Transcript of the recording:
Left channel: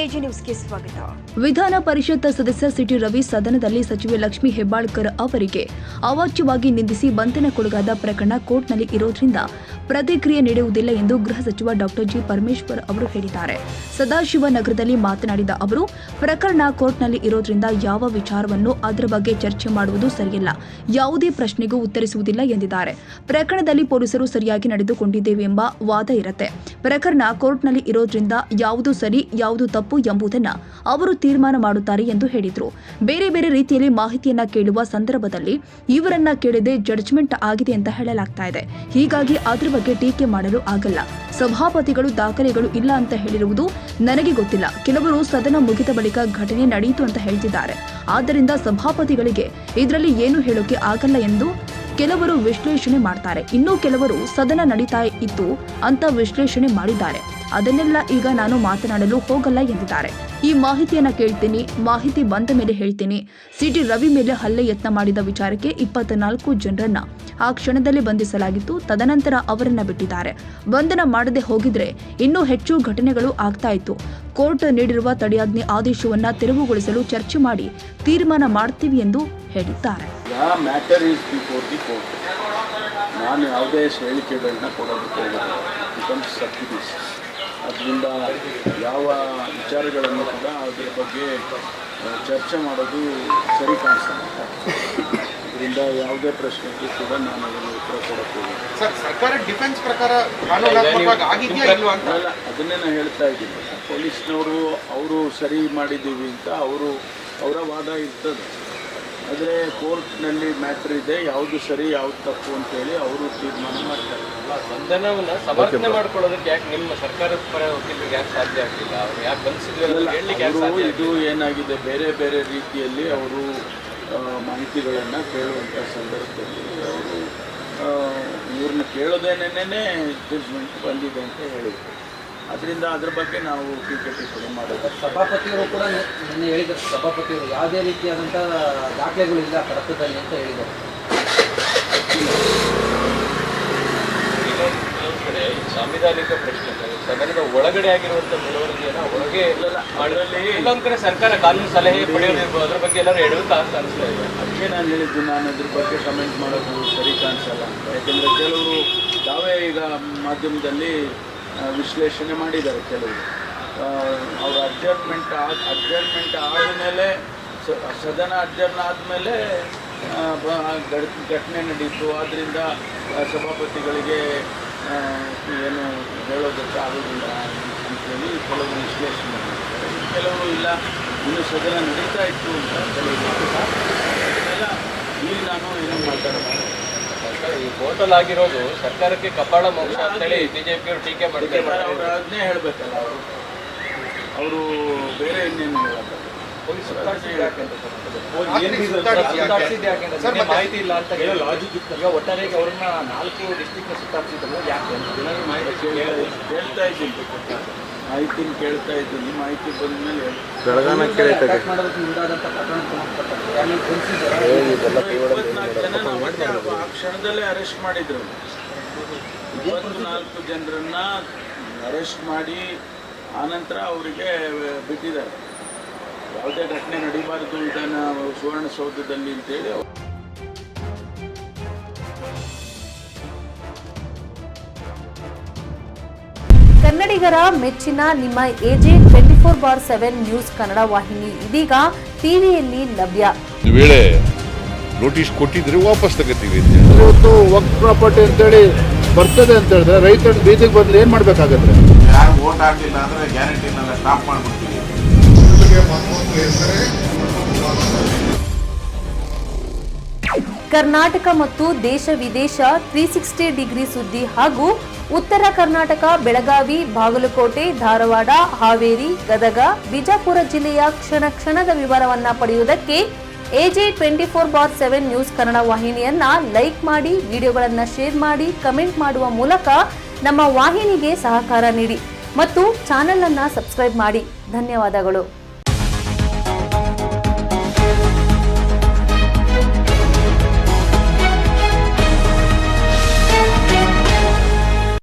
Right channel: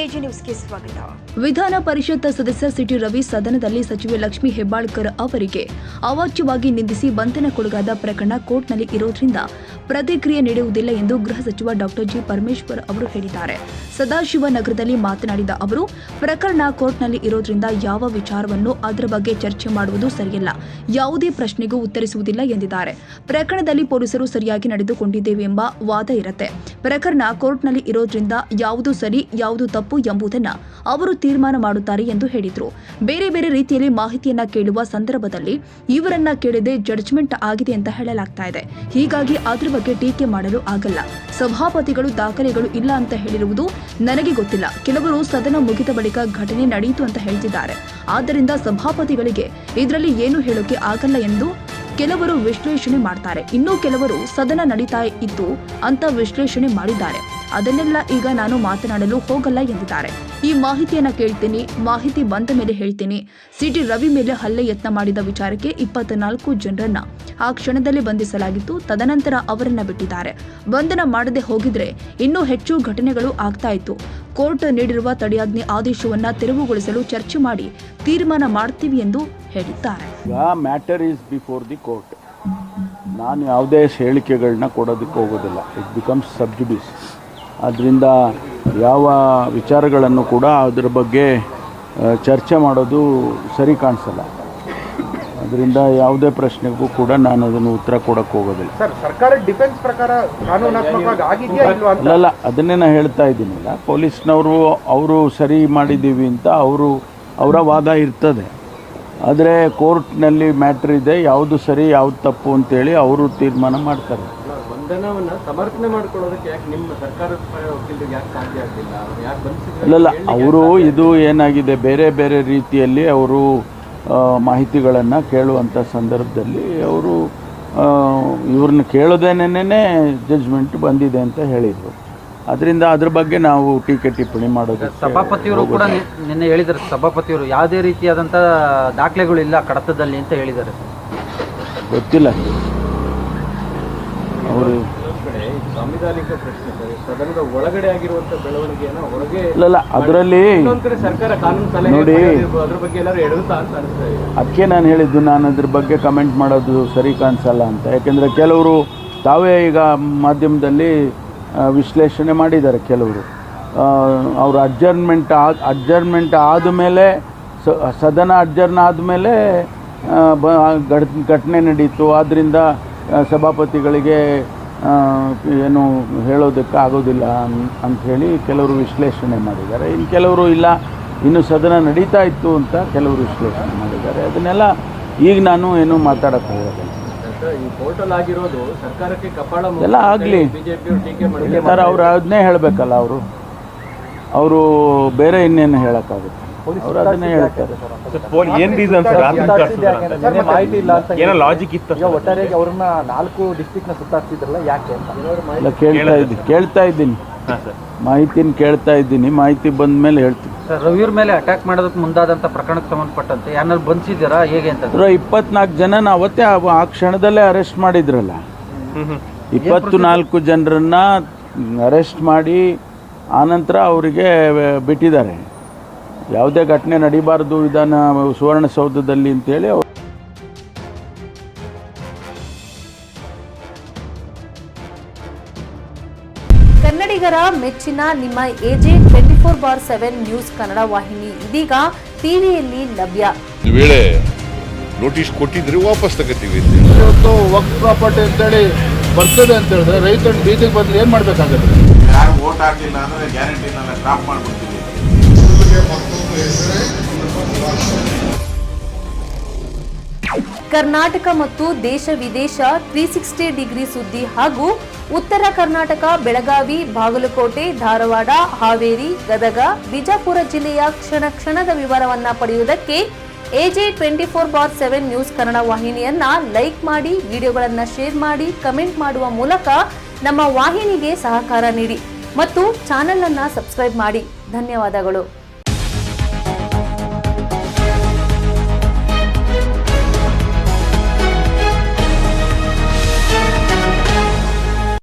AG ನ್ಯೂಸ್ಗೆ ಸ್ವಾಗತ. ವಿಧಾನ ಪರಿಷತ್ ಸದಸ್ಯ ಸಿಟಿ ರವಿ ಸದನದಲ್ಲಿ ಸಚಿವೆ ಲಕ್ಷ್ಮೀ ಹೆಬ್ಬಾಳ್ಕರ್ ಅವರಿಗೆ ಅವಾಚ್ಯವಾಗಿ ನಿಂದಿಸಿ ಬಂಧನಕ್ಕೊಳಗಾದ ಪ್ರಕರಣ ಕೋರ್ಟ್ನಲ್ಲಿ ಇರೋದ್ರಿಂದ ಪ್ರತಿಕ್ರಿಯೆ ನೀಡುವುದಿಲ್ಲ ಎಂದು ಗೃಹ ಸಚಿವ ಡಾಕ್ಟರ್ ಜಿ ಪರಮೇಶ್ವರ್ ಅವರು ಹೇಳಿದ್ದಾರೆ. ಸದಾಶಿವನಗರದಲ್ಲಿ ಮಾತನಾಡಿದ ಅವರು, ಪ್ರಕರಣ ಕೋರ್ಟ್ನಲ್ಲಿ ಇರೋದ್ರಿಂದ ಯಾವ ವಿಚಾರವನ್ನು ಅದರ ಬಗ್ಗೆ ಚರ್ಚೆ ಮಾಡುವುದು ಸರಿಯಲ್ಲ, ಯಾವುದೇ ಪ್ರಶ್ನೆಗೂ ಉತ್ತರಿಸುವುದಿಲ್ಲ ಎಂದಿದ್ದಾರೆ. ಪ್ರಕರಣದಲ್ಲಿ ಪೊಲೀಸರು ಸರಿಯಾಗಿ ನಡೆದುಕೊಂಡಿದ್ದೇವೆ ಎಂಬ ವಾದ ಇರುತ್ತೆ. ಪ್ರಕರಣ ಕೋರ್ಟ್ನಲ್ಲಿ ಇರೋದ್ರಿಂದ ಯಾವುದು ಸರಿ ಯಾವುದು ತಪ್ಪು ಎಂಬುದನ್ನು ಅವರು ತೀರ್ಮಾನ ಮಾಡುತ್ತಾರೆ ಎಂದು ಹೇಳಿದರು. ಬೇರೆ ಬೇರೆ ರೀತಿಯಲ್ಲಿ ಮಾಹಿತಿಯನ್ನ ಕೇಳುವ ಸಂದರ್ಭದಲ್ಲಿ ಇವರನ್ನ ಕೇಳದೆ ಜಡ್ಜ್ಮೆಂಟ್ ಆಗಿದೆ ಅಂತ ಹೇಳಲಾಗ್ತಾ ಇದೆ. ಹೀಗಾಗಿ ಅದರ ಬಗ್ಗೆ ಟೀಕೆ ಮಾಡಲು ಆಗಲ್ಲ. ಸಭಾಪತಿಗಳು ದಾಖಲೆಗಳು ಇಲ್ಲ ಅಂತ ಹೇಳಿರುವುದು ನನಗೆ ಗೊತ್ತಿಲ್ಲ. ಕೆಲವರು ಸದನ ಮುಗಿದ ಬಳಿಕ ಘಟನೆ ನಡೆಯಿತು ಅಂತ ಹೇಳ್ತಿದ್ದಾರೆ. ಆದ್ದರಿಂದ ಸಭಾಪತಿಗಳಿಗೆ ಇದರಲ್ಲಿ ಏನು ಹೇಳೋಕೆ ಆಗಲ್ಲ ಎಂದು ಕೆಲವರು ವಿಶ್ಲೇಷಣೆ ಮಾಡ್ತಾರೆ. ಇನ್ನು ಕೆಲವರು ಸದನ ನಡೀತಾ ಇತ್ತು ಅಂತ ವಿಶ್ಲೇಷಣೆ ಮಾಡಿದ್ದಾರೆ. ಅದನ್ನೆಲ್ಲ ಈಗ ನಾನು ಮಾತನಾಡಲು ಹೋಗಲ್ಲ ಎಂದಿದ್ದಾರೆ. ಈ ಮಾಹಿತಿಯನ್ನ ಕೇಳ್ತೀನಿ, ಮಾಹಿತಿ ಬಂದ ಮೇಲೆ ಹೇಳ್ತೀನಿ. ಸಿಟಿ ರವಿ ಮೇಲೆ ಹಲ್ಲೆ ಯತ್ನ ಮಾಡಿದ ವಿಚಾರಕ್ಕೆ 24 ಜನರನ್ನ ಆ ಕ್ಷಣದಲ್ಲಿ ಬಂಧಿಸಲಾಗಿತ್ತು. ತದನಂತರ ಅವರನ್ನ ಬಿಟ್ಟಿದ್ದಾರೆ. ಬಂಧನ ಮಾಡದೆ ಹೋಗಿದ್ರೆ ಇನ್ನೂ ಹೆಚ್ಚು ಘಟನೆಗಳು ಆಗ್ತಾ ಇತ್ತು. ಕೋರ್ಟ್ ನೀಡಿರುವ ತಡೆಯಾಜ್ಞೆ ಆದೇಶವನ್ನ ತೆರವುಗೊಳಿಸಲು ಚರ್ಚೆ ಮಾಡಿ ತೀರ್ಮಾನ ಮಾಡ್ತೀವಿ ಎಂದು ಹೇಳಿದ್ದಾರೆ. ನಾನು ಯಾವುದೇ ಹೇಳಿಕೆಗಳನ್ನ ಕೊಡೋದಕ್ಕೆ ಹೋಗೋದಿಲ್ಲ. It becomes sub judice. ಆದ್ದರಿಂದ ಯಾವ ವಿಚಾರಗಳನ್ನು ಕೂಡ ಅದರ ಬಗ್ಗೆ ಚರ್ಚೆ ಮಾಡೋದು ಸರಿ ಕಾಣಿಸಲ್ಲ. ಅದರಿಂದ ಯಾವುದೇ ಪ್ರಶ್ನೆಗೂ ಕೂಡ ನಾನು ಅದನ್ನು ಉತ್ತರ ಕೊಡೋಕ್ಕೆ ಹೋಗೋದಿಲ್ಲ. ಅಲ್ಲ, ಅದನ್ನೇ ನಾನು ಹೇಳ್ತಾ ಇದ್ದೀನಲ್ಲ, ಪೊಲೀಸ್ನವರು ಅವರು ಸರಿ ಮಾಡಿದ್ದೀವಿ ಅಂತ ಅವರ ವಾದ ಇರ್ತದೆ. ಆದರೆ ಕೋರ್ಟ್ನಲ್ಲಿ ಮ್ಯಾಟ್ರ್ ಇದೆ, ಯಾವುದು ಸರಿ ಯಾವುದು ತಪ್ಪು ಅಂತೇಳಿ ಅವರು ತೀರ್ಮಾನ ಮಾಡ್ತಾರೆ. ಇಲ್ಲ, ಅವರು ಇದು ಏನಾಗಿದೆ, ಬೇರೆ ಬೇರೆ ರೀತಿಯಲ್ಲಿ ಅವರು ಮಾಹಿತಿಗಳನ್ನು ಕೇಳುವಂಥ ಸಂದರ್ಭದಲ್ಲಿ ಅವರು ಇವ್ರನ್ನ ಕೇಳೋದೇನೇ ಜಡ್ಜ್ಮೆಂಟ್ ಬಂದಿದೆ ಅಂತ ಹೇಳಿದರು. ಅದರಿಂದ ಅದ್ರ ಬಗ್ಗೆ ನಾವು ಟೀಕೆ ಟಿಪ್ಪಣಿ ಮಾಡೋದು. ಸಭಾಪತಿಯವರು ಕೂಡ ನಿನ್ನೆ ಹೇಳಿದ್ದಾರೆ, ಸಭಾಪತಿಯವರು ಯಾವುದೇ ರೀತಿಯಾದಂಥ ದಾಖಲೆಗಳಿಲ್ಲ ಕಡತದಲ್ಲಿ ಅಂತ ಹೇಳಿದ್ದಾರೆ. ಗೊತ್ತಿಲ್ಲ ಸಾಂವಿಧಾನಿಕ ಪ್ರಶ್ನೆ ಸದನದ ಒಳಗಡೆ ಆಗಿರುವಂತ ಬೆಳವಣಿಗೆಯನ್ನು ಹೊರಗೆ ಇಲ್ಲ, ಅದರಲ್ಲಿ ಸರ್ಕಾರ ಕಾನೂನು ಸಲಹೆ ಅದ್ರ ಬಗ್ಗೆ ಎಲ್ಲರೂ ಎಡುತ್ತಾ ಅಂತ ಅನಿಸ್ತಾ ಇದೆ. ಅದಕ್ಕೆ ನಾನು ಹೇಳಿದ್ದು, ನಾನು ಇದ್ರ ಬಗ್ಗೆ ಕಮೆಂಟ್ ಮಾಡೋದು ಸರಿ ಕಾಣಿಸಲ್ಲ ಅಂತ. ಯಾಕೆಂದರೆ ಕೆಲವರು ತಾವೇ ಈಗ ಮಾಧ್ಯಮದಲ್ಲಿ ವಿಶ್ಲೇಷಣೆ ಮಾಡಿದ್ದಾರೆ. ಕೆಲವರು ಅವರು ಅಡ್ಜರ್ಮೆಂಟ್ ಆದಮೇಲೆ ಸದನ ಅಡ್ಜರ್ನ್ ಆದಮೇಲೆ ಘಟನೆ ನಡೀತು, ಆದ್ದರಿಂದ ಸಭಾಪತಿಗಳಿಗೆ ಏನು ಹೇಳೋದಕ್ಕೆ ಆಗೋದಿಲ್ಲ ಅಂಥೇಳಿ ಕೆಲವರು ವಿಶ್ಲೇಷಣೆ ಮಾಡಿದ್ದಾರೆ. ಇನ್ನು ಕೆಲವರು ಇಲ್ಲ, ಇನ್ನು ಸದನ ನಡೀತಾ ಇತ್ತು ಅಂತ ಕೆಲವರು ವಿಶ್ಲೇಷಣೆ ಮಾಡಿದ್ದಾರೆ. ಅದನ್ನೆಲ್ಲ ಈಗ ನಾನು ಏನು ಮಾತಾಡೋಕ್ಕೆ ಹೋಗೋದು. ಎಲ್ಲ ಆಗಲಿ ಸರ್, ಅವ್ರು ಅದನ್ನೇ ಹೇಳಬೇಕಲ್ಲ. ಅವರು ಬೇರೆ ಇನ್ನೇನು ಹೇಳೋಕ್ಕಾಗುತ್ತೆ, ಅವರು ಅದನ್ನೇ ಹೇಳ್ತಾರೆ. ಏನು ರೀಸನ್ ಮಾಹಿತಿ ಇಲ್ಲ ಅಂತ ಏನೋ ಲಾಜಿಕ್ ಇತ್ತು. ಒಟ್ಟಾರೆಯಾಗಿ ಅವ್ರನ್ನ 4 ಡಿಸ್ಟ್ರಿಕ್ಟ್ನ ಸುತ್ತಾಡ್ತಿದ್ರಲ್ಲ, ಯಾಕೆ ಅಂತ ಕೇಳ್ತಾ ಇದ್ದೀನಿ. ಮಾಹಿತಿನ ಕೇಳ್ತಾ ಇದ್ದೀನಿ. ಮಾಹಿತಿ ಬಂದ ಮೇಲೆ ಹೇಳ್ತೀನಿ. ರವಿಯವ್ರ ಮೇಲೆ ಅಟ್ಯಾಕ್ ಮಾಡೋದಕ್ಕೆ ಮುಂದಾದಂಥ ಪ್ರಕರಣಕ್ಕೆ ಸಂಬಂಧಪಟ್ಟಂತೆ ಯಾರು ಬಂಧಿಸಿದಾರಾ ಹೇಗೆ ಅಂತ? 24 ಜನನ ಅವತ್ತೇ ಆ ಕ್ಷಣದಲ್ಲೇ ಅರೆಸ್ಟ್ ಮಾಡಿದ್ರಲ್ಲ. 24 ಜನರನ್ನ ಅರೆಸ್ಟ್ ಮಾಡಿ ಆನಂತರ ಅವರಿಗೆ ಬಿಟ್ಟಿದ್ದಾರೆ. ಯಾವುದೇ ಘಟನೆ ನಡೀಬಾರ್ದು ಇದನ್ನು ಸುವರ್ಣಸೌಧದಲ್ಲಿ ಅಂತೇಳಿ. ಕನ್ನಡಿಗರ ಮೆಚ್ಚಿನ ನಿಮ್ಮ ಎಜೆ 24/7 ನ್ಯೂಸ್ ಕನ್ನಡ ವಾಹಿನಿ ಇದೀಗ ಟಿವಿಯಲ್ಲಿ ಲಭ್ಯ. ವೇಳೆ ನೋಟಿಸ್ ಕೊಟ್ಟಿದ್ರೆ ವಾಪಸ್ ತಗೋತೀವಿ. ಇವತ್ತು ವಕ್ಫ್ ಪ್ರಾಪರ್ಟಿ ಅಂತೇಳಿ ಬರ್ತದೆ ಅಂತ ಹೇಳಿದ್ರೆ ರೈತರ ಬೀದಿಗೆ ಬದಲು ಏನು ಮಾಡಬೇಕಾಗುತ್ತೆ? ಯಾರು ವೋಟ್ ಹಾಕಲಿಲ್ಲ ಅಂದರೆ ಗ್ಯಾರಂಟಿನೆಲ್ಲ ಸ್ಟಾಪ್ ಮಾಡಿಬಿಡ್ತೀವಿ. ಕರ್ನಾಟಕ ಮತ್ತು ದೇಶ ವಿದೇಶ 360 ಡಿಗ್ರಿ ಸುದ್ದಿ ಹಾಗೂ ಉತ್ತರ ಕರ್ನಾಟಕ, ಬೆಳಗಾವಿ, ಬಾಗಲಕೋಟೆ, ಧಾರವಾಡ, ಹಾವೇರಿ, ಗದಗ, ಬಿಜಾಪುರ ಜಿಲ್ಲೆಯ ಕ್ಷಣ ಕ್ಷಣದ ವಿವರವನ್ನ ಪಡೆಯುವುದಕ್ಕೆ ಎಜೆ 24/7 ನ್ಯೂಸ್ ಕನ್ನಡ ವಾಹಿನಿಯನ್ನ ಲೈಕ್ ಮಾಡಿ, ವಿಡಿಯೋಗಳನ್ನ ಶೇರ್ ಮಾಡಿ, ಕಮೆಂಟ್ ಮಾಡುವ ಮೂಲಕ ನಮ್ಮ ವಾಹಿನಿಗೆ ಸಹಕಾರ ನೀಡಿ ಮತ್ತು ಚಾನೆಲ್ ಅನ್ನ ಸಬ್ಸ್ಕ್ರೈಬ್ ಮಾಡಿ. ಧನ್ಯವಾದಗಳು.